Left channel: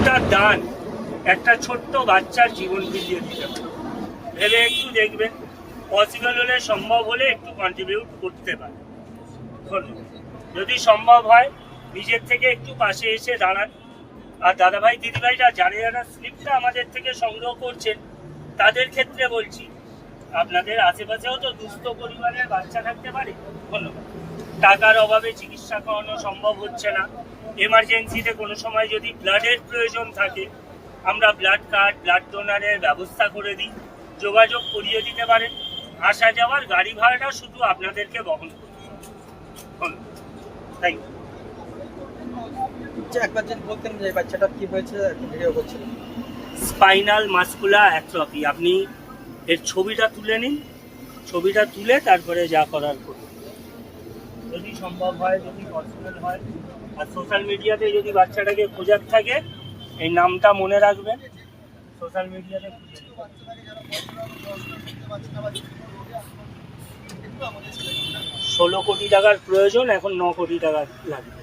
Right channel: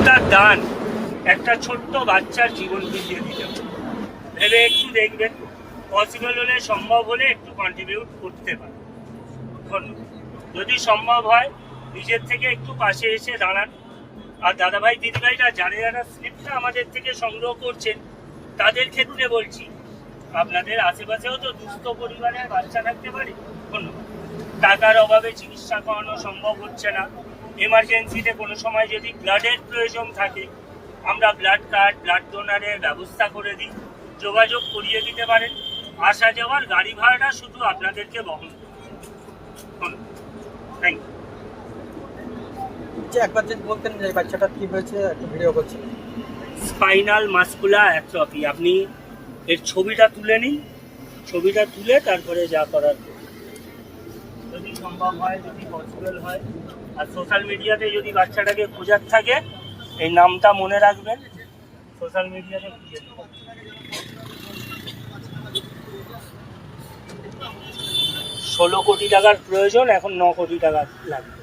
কতটা দান একটা ছোট্ট বাচ্চার জীবন ফিরিয়ে দিতে পারে ভেবে একটু দেখবেন। পসিবল হলে, সম্ভব হলে একটু কন্ট্রিবিউট করতে পারে। যদি সম্ভব হয় নিজের থেকে একটু পাশে এসে দাঁড়ান। আর দাদাভাই দিদিভাইরা যারা স্লিপটা আমাদের থেকে সংগ্রহ করছেন তাদের ক্ষেত্রে বলছি, আপনাদের আশেপাশেও তো দুস্থ পরিবারের বাচ্চা থাকতে পারে। ধন্যবাদ। টাকার অভাবে চিকিৎসা করানো সম্ভব হচ্ছে না, এমার্জেন্সিতে কোনো সময় যদি ব্লাডের প্রয়োজন থাকে, আমরা ব্লাড কার্ড, ব্লাড ডোনারের ব্যবস্থা করে দিই। যোগাযোগ করিয়ে দিতে পারেন। আসা যাওয়ার গাড়ি ভাড়াটা শুধু আপনাদেরকে বহন করতে হবে। Thank you. একবার যদি বলতেন যে বাচ্চাটার কি হয়েছে, একটু ভিডিও করছিলাম। Spinal muscular atrophy. আপনি এর ছবিটা তুলে নিন, ছবিটা তুলে তারপরে যা করার করুন, যদি সম্ভব হয়, যদি পসিবল হয়। আর সোশ্যাল মিডিয়াতে যদি বাচ্চাটাকে খোঁজার থাকে, এই নামটা মনে রাখবেন, সোশ্যাল মিডিয়াতে খুঁজে দিবেন। 16 কোটি টাকার প্রয়োজন, এখন 9 কোটি টাকা লাগবে।